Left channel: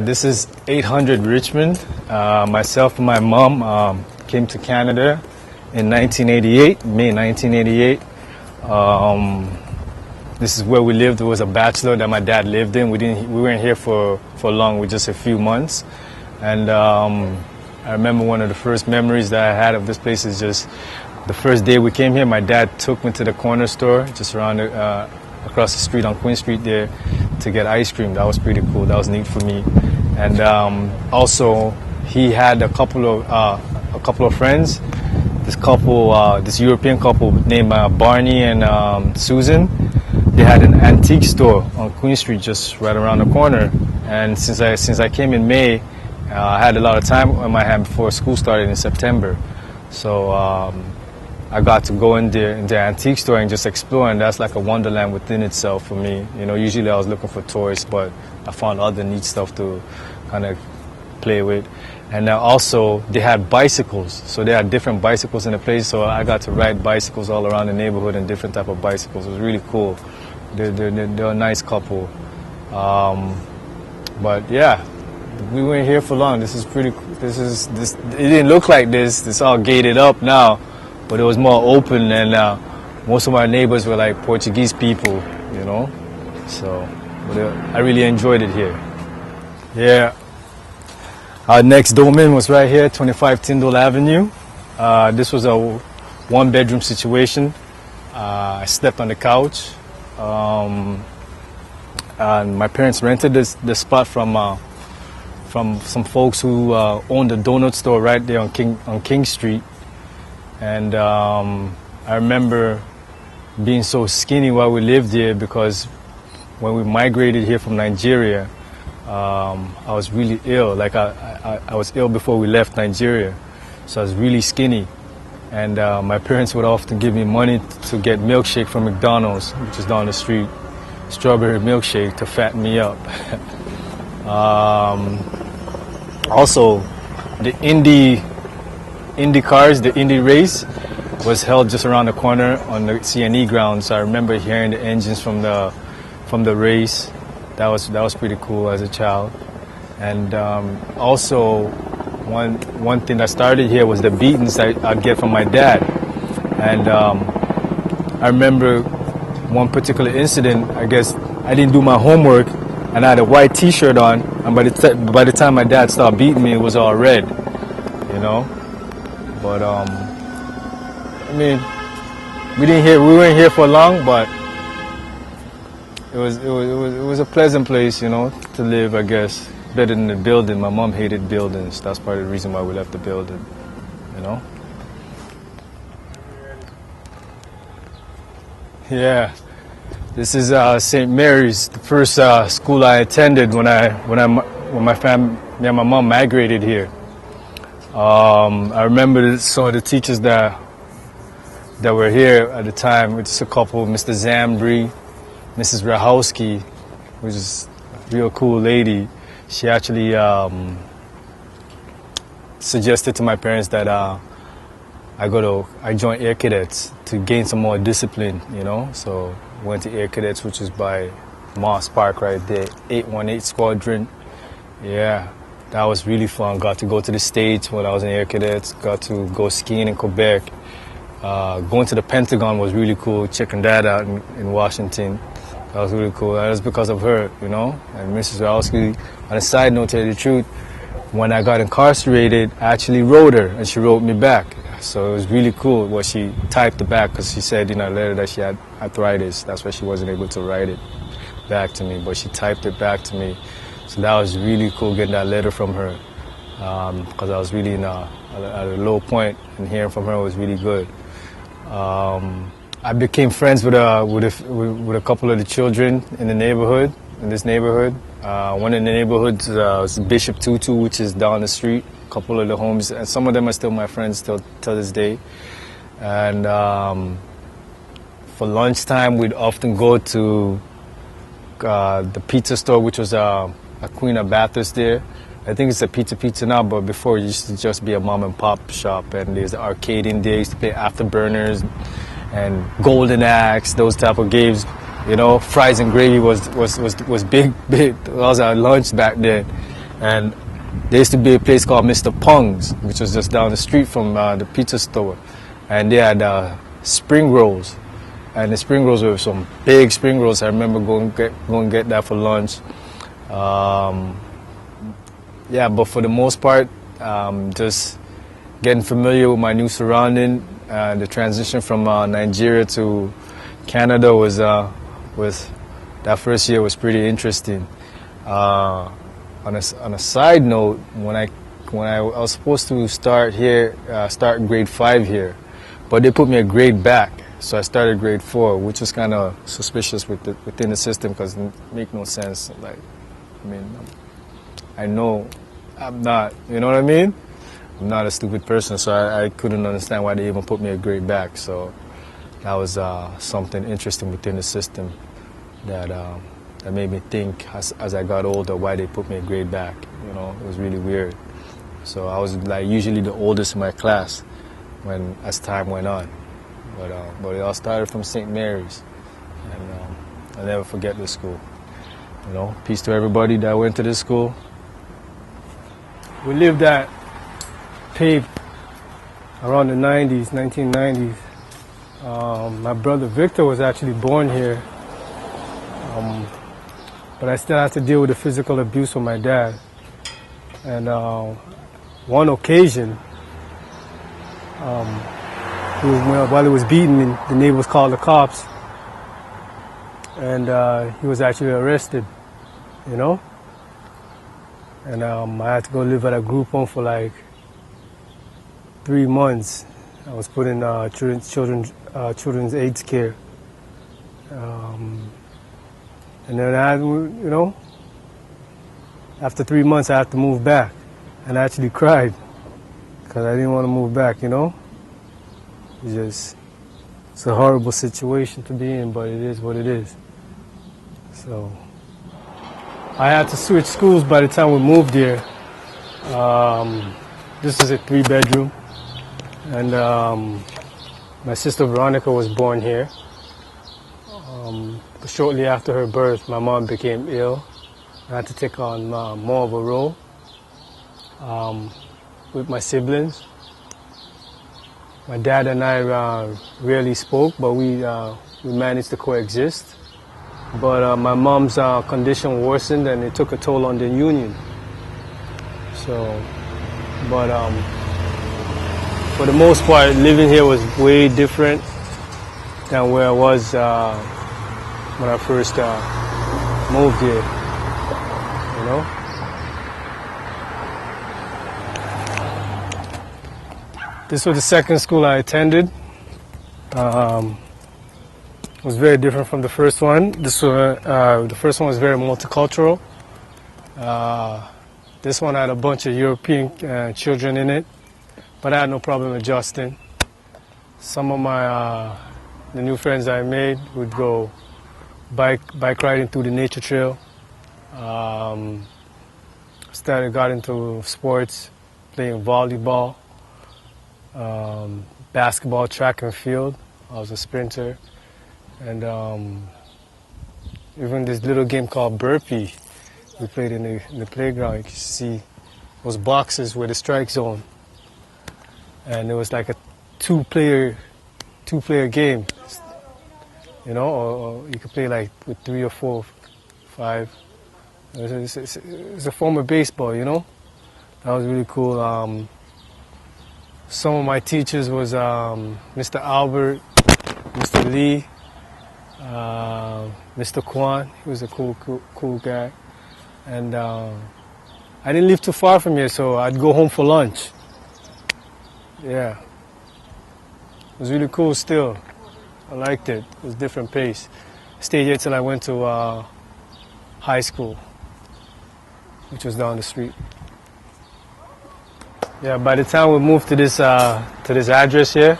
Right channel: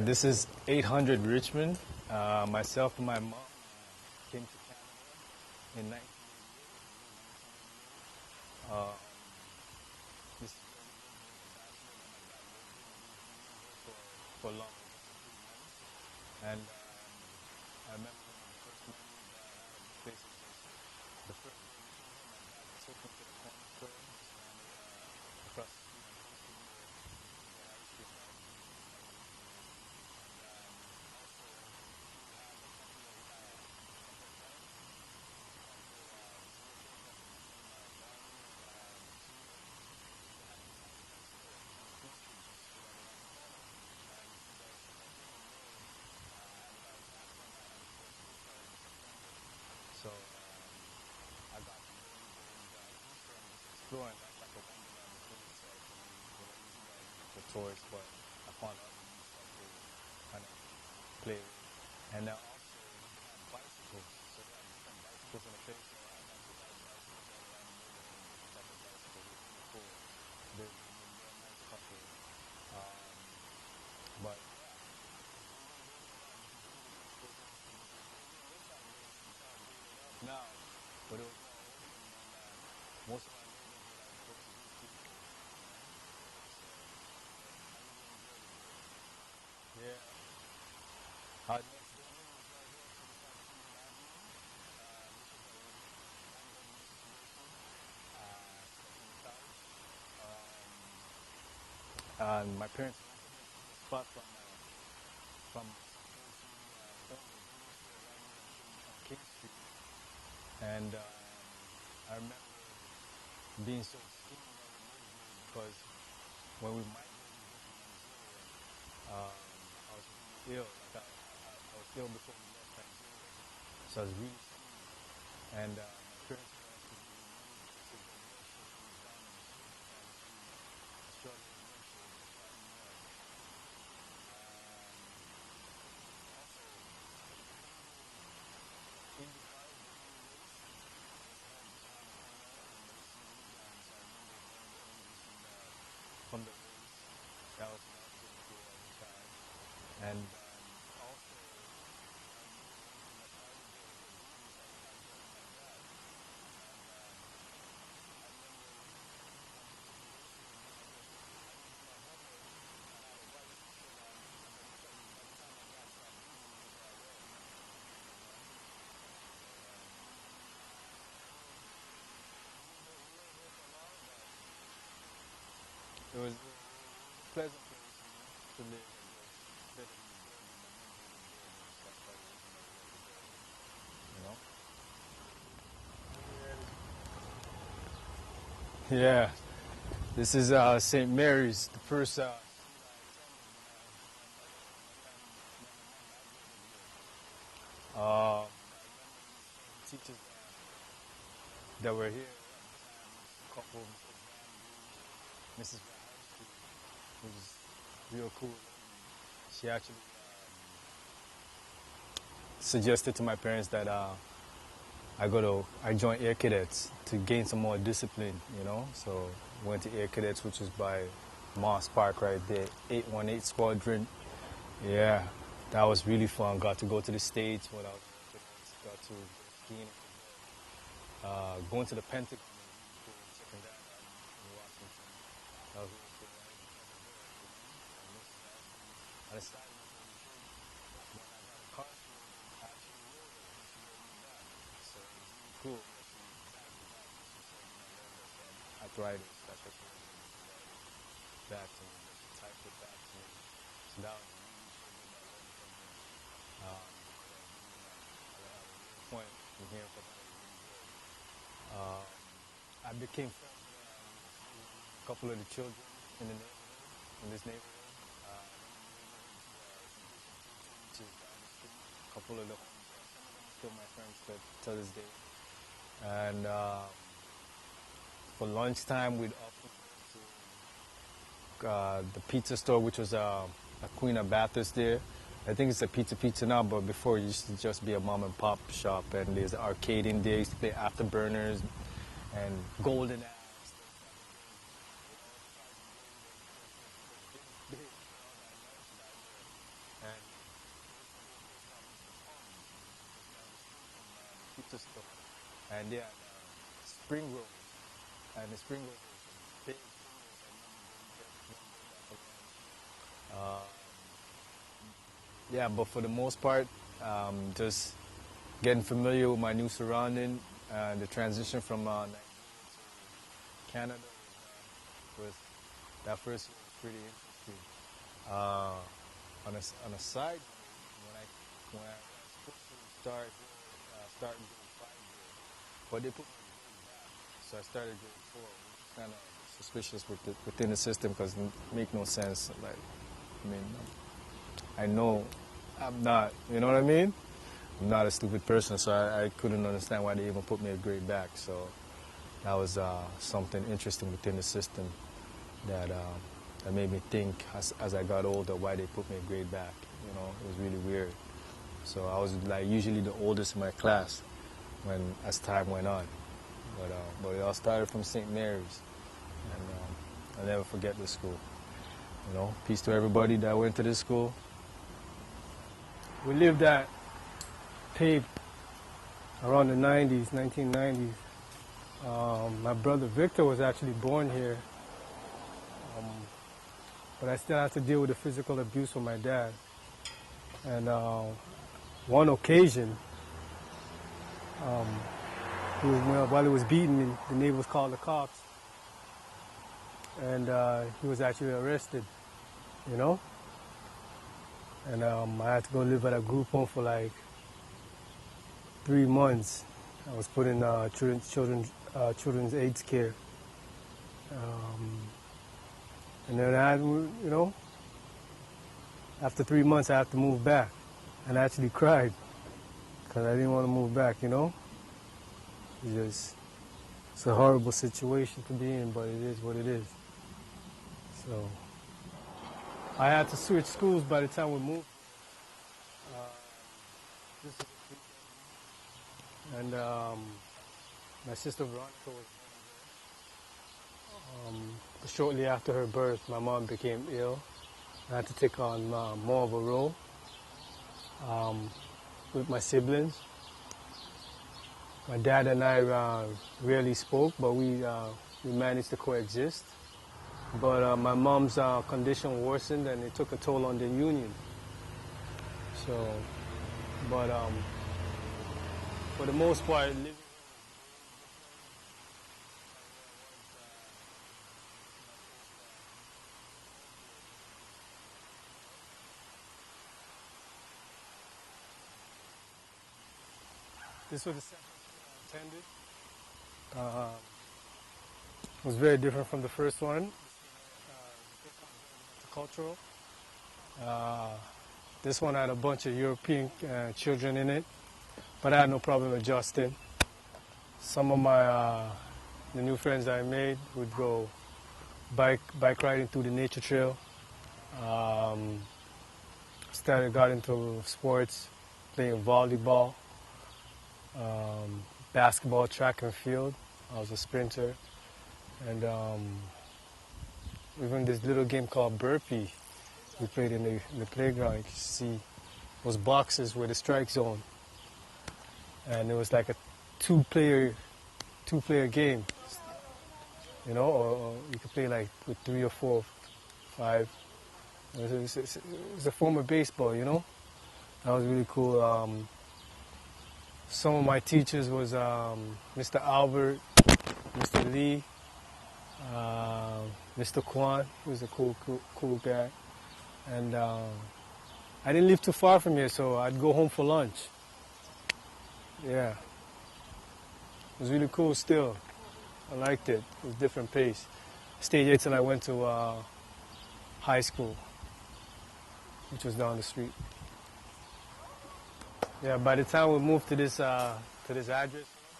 This is 800 Richmond. Myself and my mom came to Canada in 1988, May 1988. This is where we lived. It was a bachelor that my dad lived in. We weren't here for long, with just a few months. And I remember one of the first memories that I had of this place is just the first day we came here. My dad took me to the corner store just around across the street on Queen Street there to get ice cream. That was pretty cool. That was neat for me. And also he had a couple of friends. This European couple named Barney and Susan. They had an antique store on Queen Street just right around the corner. And since I came in May, I had a lot of time on my hand before school started in September. So I got to go in the antique store and just explore, and that's like a wonderland within itself for me. You know, usually I was looking for toys, but I found other neat stuff to kind of play with. And also they had bicycles, so they had different bicycles in the place, so I got to ride bicycles all around the neighborhood and different type of bicycles. It was really cool. They're a nice couple. But yeah, we weren't here for long. This is pretty cool. It didn't look like this. It's all gated up now, but it was more open, and most of my neighbors were like Portuguese people, you know. So I really enjoyed it here. Yeah. Our next domain was right here, 25 Tyndall Avenue. This was a one-bedroom situation. I slept on the couch. And my parents rented this spot from some folks who owned a donut store right there on King Street. And I remember being so skinny while we lived here, because when we migrated here from Nigeria, I was really ill. Like I was ill before we left Nigeria, so I was really skinny. And my parents would often give me money to get milkshake from McDonald's, which is down the street, strawberry milkshake, to fatten me up. Also, the Indy cars, the Indy race, was held just around the corner on the CNE grounds. So I remember hearing the engines from the race. That was pretty cool as a child. And also, one thing that started here was the beatings I'd get from my dad. And I remember one particular incident. I guess I didn't do my homework, and I had a white T-shirt on, and by the time my dad started beating me, it was all red, you know. But I mean, we weren't here for long, but it was a pleasant place, you know, to live, I guess. Better than the building. My mom hated buildings. That's part of the reason why we left the building, you know. Yeah, this is St. Mary's, the first school I attended when my family, me and my mom migrated here. I remember some of the teachers that were here at the time. It's a couple, Mr. Zambri, Mrs. Rahowski, which is a real cool lady. She actually suggested to my parents that I join Air Cadets to gain some more discipline, you know. So went to Air Cadets, which is by Moss Park right there, 818 Squadron. Yeah, that was really fun. Got to go to the States when I was in Air Cadets. Got to go skiing in Quebec. Going to the Pentagon was really cool. Checking that out in Washington. That was really cool. That was because of her, you know. And Mrs. Rowski, on a side note, to tell you the truth, when I got incarcerated, I actually wrote her, and she wrote me back. So it was really cool what she typed it back, because she said in her letter that she had arthritis. That's why she wasn't able to write it back to me, but she typed it back to me. So that was really cool getting that letter from her, because I was really at a low point, and hearing from her was really good. I became friends with a couple of the children in this neighborhood. One in the neighborhood was Bishop Tutu, which is down the street. A couple of the homes, and some of them are still my friends till this day. And for lunchtime, we'd often go to the pizza store, which was a Queen of Bathurst there. I think it's a pizza now, but before it used to just be a mom and pop shop. And there's the arcade in there. Used to play Afterburners and Golden Axe, those type of games. You know, fries and gravy was big. That was our lunch back then. And there used to be a place called Mr. Pung's, which was just down the street from the pizza store. And they had spring rolls. And the spring rolls were some big spring rolls. I remember going get that for lunch. Yeah, but for the most part, just getting familiar with my new surrounding. The transition from Nigeria to Canada was that first year was pretty interesting. On a side note, when I was supposed to start grade 5 here, but they put me a grade back, so I started grade 4, which was kind of suspicious within the system because it make no sense. Like, I mean, I know I'm not, you know what I mean? I'm not a stupid person, so I couldn't understand why they even put me a grade back. So that was something interesting within the system that made me think as I got older why they put me a grade back. You know, it was really weird. So I was like usually the oldest in my class as time went on. But it all started from St. Mary's, and I'll never forget this school. You know, peace to everybody that went to this school. We lived at Paved around the 1990s. My brother Victor was actually born here, but I still had to deal with the physical abuse from my dad. And one occasion, while he was beaten, the neighbors called the cops, and he was actually arrested, you know? And I had to go live at a group home for like 3 months. I was put in children's AIDS care. And then after 3 months, I had to move back. And I actually cried because I didn't want to move back, you know? It's a horrible situation to be in, but it is what it is. So I had to switch schools by the time we moved here. This is a 3-bedroom. And my sister Veronica was born here. Shortly after her birth, my mom became ill. I had to take on more of a role with my siblings. My dad and I rarely spoke, but we managed to coexist. But my mom's condition worsened, and it took a toll on the union. So, but for the most part, living here was way different than where I was when I first moved here, you know? This was the second school I attended. It was very different from the first one. The first one was very multicultural. This one had a bunch of European children in it, but I had no problem adjusting. Some of the new friends I made would go bike riding through the nature trail. Got into sports, playing volleyball, basketball, track and field. I was a sprinter. And even this little game called Burpee, we played in the playground. You can see those boxes with the strike zone. And it was like a two-player game, you know, or you could play like with 3 or 4, 5. It's a form of baseball, you know. That was really cool. Some of my teachers was Mr. Albert, Mr. Lee, Mr. Kwan. He was a cool guy. And I didn't live too far from here, so I'd go home for lunch. Yeah. It was really cool still. I liked it. It was a different pace. Stayed here till I went to high school, which was down the street. Yeah, by the time we moved to this address here,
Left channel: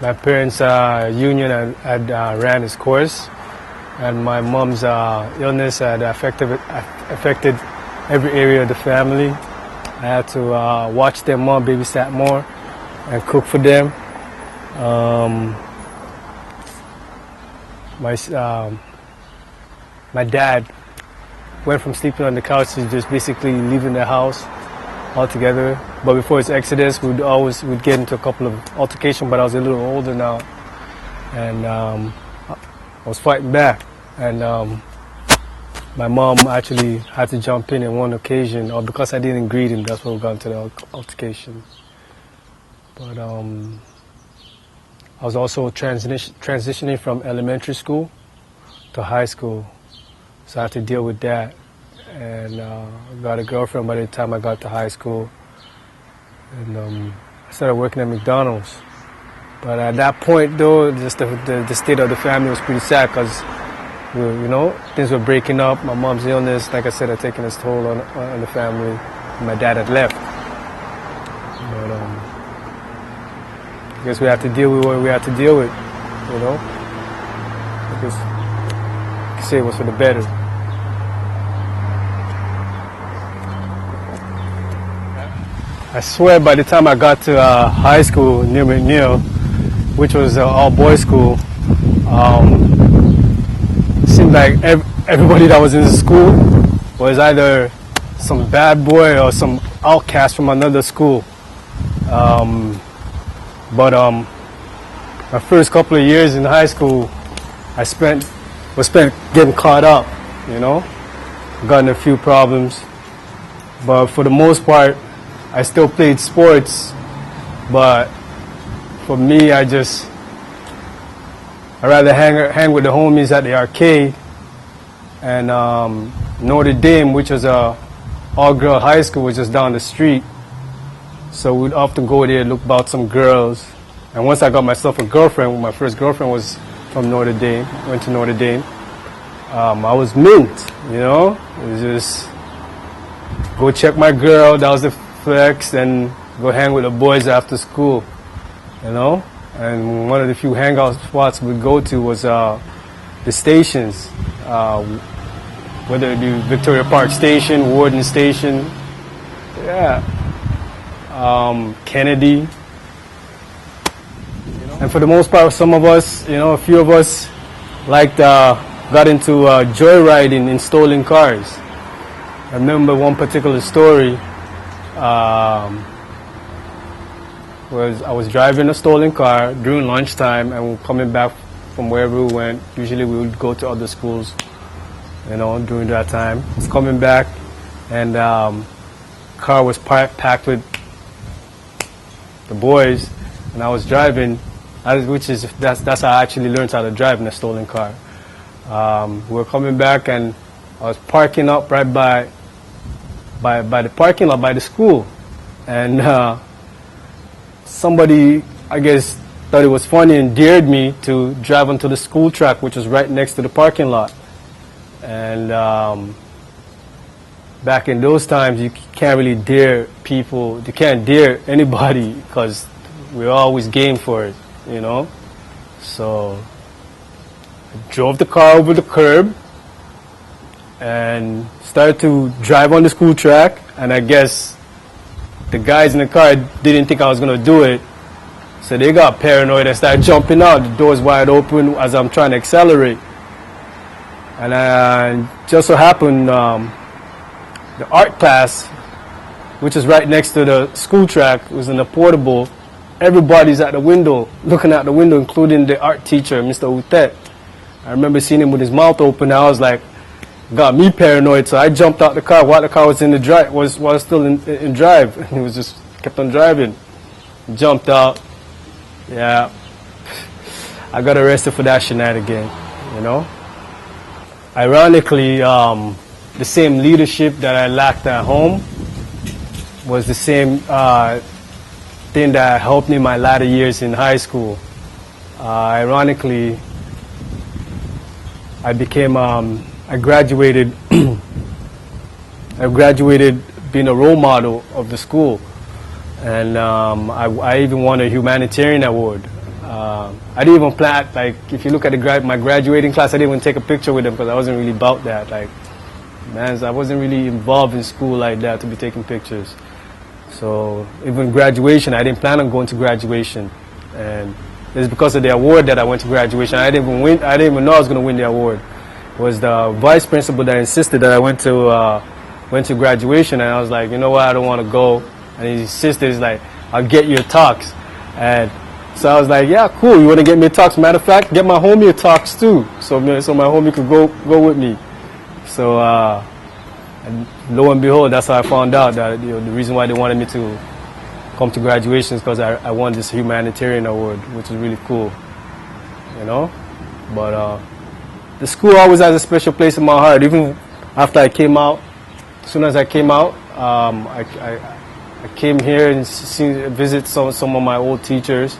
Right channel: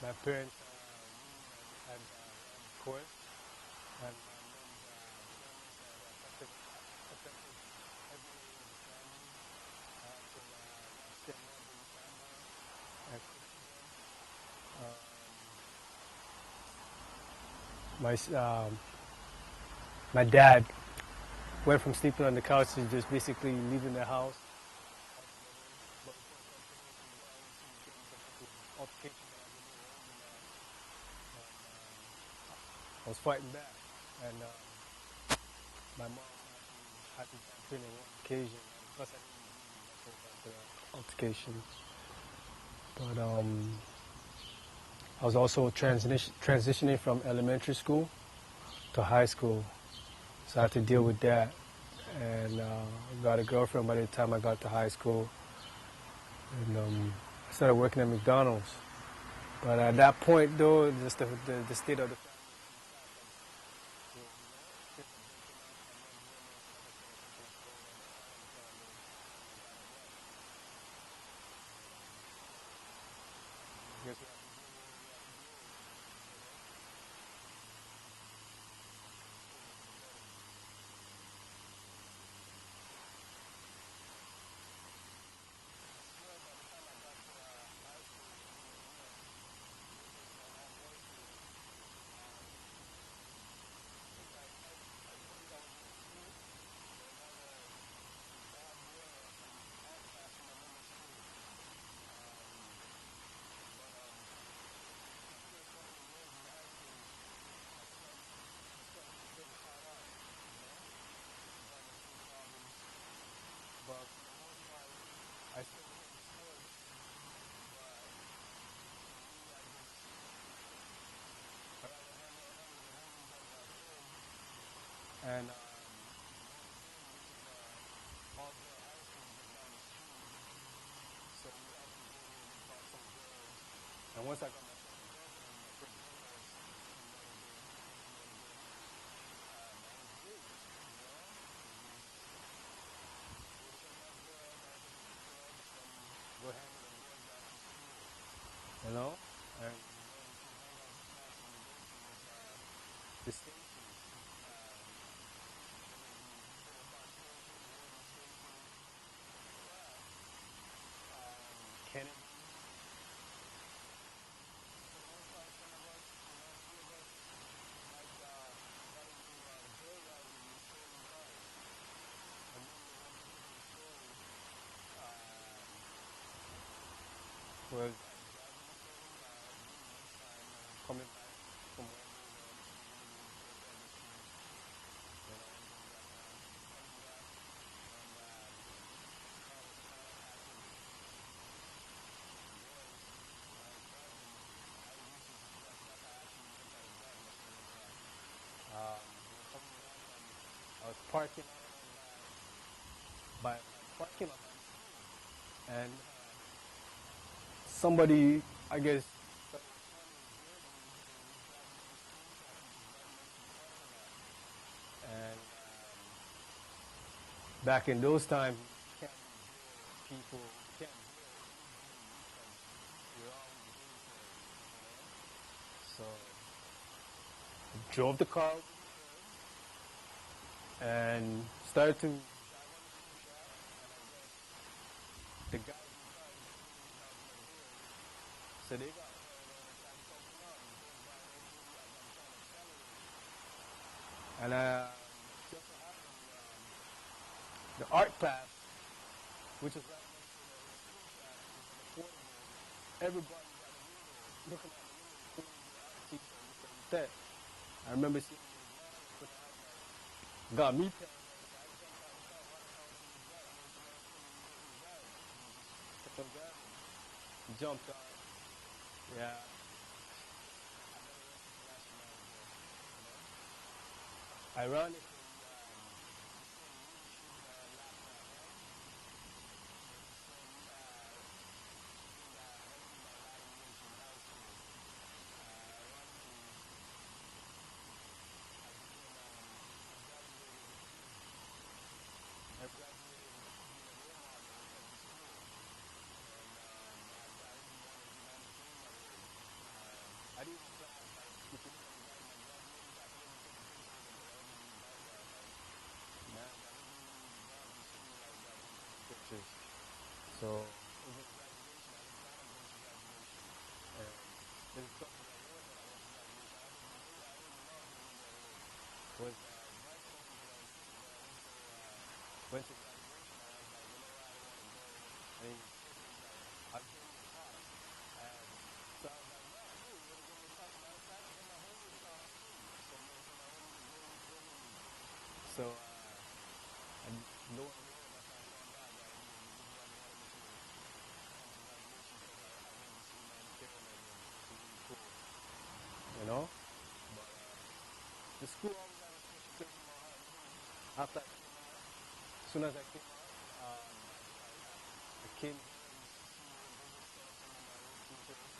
my parents' union had ran its course, and my mom's illness had affected every area of the family. I had to watch them more, babysat more, and cook for them. My dad went from sleeping on the couch to just basically leaving the house altogether. But before his exodus, we'd get into a couple of altercations, but I was a little older now. And I was fighting back. And my mom actually had to jump in on one occasion, or because I didn't greet him, that's why we got into the altercation. But I was also transitioning from elementary school to high school, so I had to deal with that. And I got a girlfriend by the time I got to high school, and I started working at McDonald's. But at that point, though, just the state of the family was pretty sad because, things were breaking up. My mom's illness, like I said, had taken its toll on the family. My dad had left. But I guess we have to deal with what we have to deal with, I guess you could say it was for the better. I swear by the time I got to high school near McNeil, which was an all-boys school, it seemed like everybody that was in the school was either some bad boy or some outcast from another school. But my first couple of years in high school, was spent getting caught up, got in a few problems. But for the most part, I still played sports, but for me, I'd rather hang with the homies at the arcade. And Notre Dame, which was a all-girl high school, was just down the street. So we'd often go there, look about some girls. And once I got myself a girlfriend, my first girlfriend was from Notre Dame, went to Notre Dame. I was mint, It was just go check my girl, that was the flex, and go hang with the boys after school, And one of the few hangout spots we'd go to was the stations, whether it be Victoria Park Station, Warden Station, Kennedy. And for the most part, some of us, a few of us got into joyriding in stolen cars. I remember one particular story. I was driving a stolen car during lunchtime, and we were coming back from wherever we went. Usually we would go to other schools, during that time. I was coming back, and car was packed with the boys, and I was driving, that's how I actually learned how to drive in a stolen car. We were coming back, and I was parking up right by the parking lot by the school, and somebody, I guess, thought it was funny and dared me to drive onto the school track, which was right next to the parking lot. And back in those times, you can't really dare people, you can't dare anybody because we're always game for it, So I drove the car over the curb and started to drive on the school track, and I guess the guys in the car didn't think I was going to do it, so they got paranoid and started jumping out. The door's wide open as I'm trying to accelerate. And just so happened, the art class, which is right next to the school track, was in a portable. Everybody's at the window, looking out the window, including the art teacher, Mr. Utet. I remember seeing him with his mouth open. I was like, got me paranoid, so I jumped out the car while the car was in the drive, was still in drive. And he was just kept on driving. Jumped out. Yeah. I got arrested for that shenanigan, Ironically, the same leadership that I lacked at home was the same thing that helped me in my latter years in high school. Ironically, I graduated being a role model of the school, and I even won a humanitarian award. I didn't even plan, if you look at my graduating class, I didn't even take a picture with them because I wasn't really about that. I wasn't really involved in school like that to be taking pictures. So even graduation, I didn't plan on going to graduation, and it's because of the award that I went to graduation. I didn't even know I was going to win the award. was the vice principal that insisted that I went to graduation, and I was like, you know what, I don't want to go. And he insisted, he's like, I'll get you a tux. And so I was like, yeah, cool, you want to get me a tux? Matter of fact, get my homie a tux too, so my homie could go with me. So and lo and behold, that's how I found out that the reason why they wanted me to come to graduation is because I won this humanitarian award, which is really cool, you know. But the school always has a special place in my heart. Even after I came out, as soon as I came out, I came here and visit some of my old teachers.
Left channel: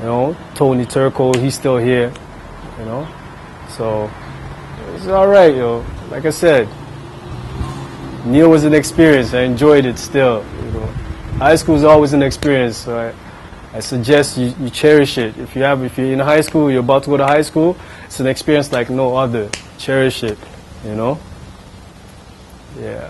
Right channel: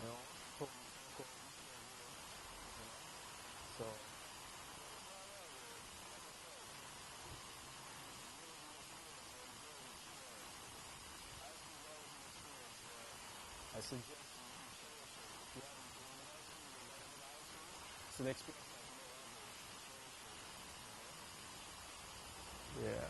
You know, Tony Turco, he's still here. You know, so it's all right, yo. Like I said, Neil was an experience. I enjoyed it still. You know, high school is always an experience. So I suggest you cherish it. If you're in high school, you're about to go to high school, it's an experience like no other. Cherish it. You know. Yeah.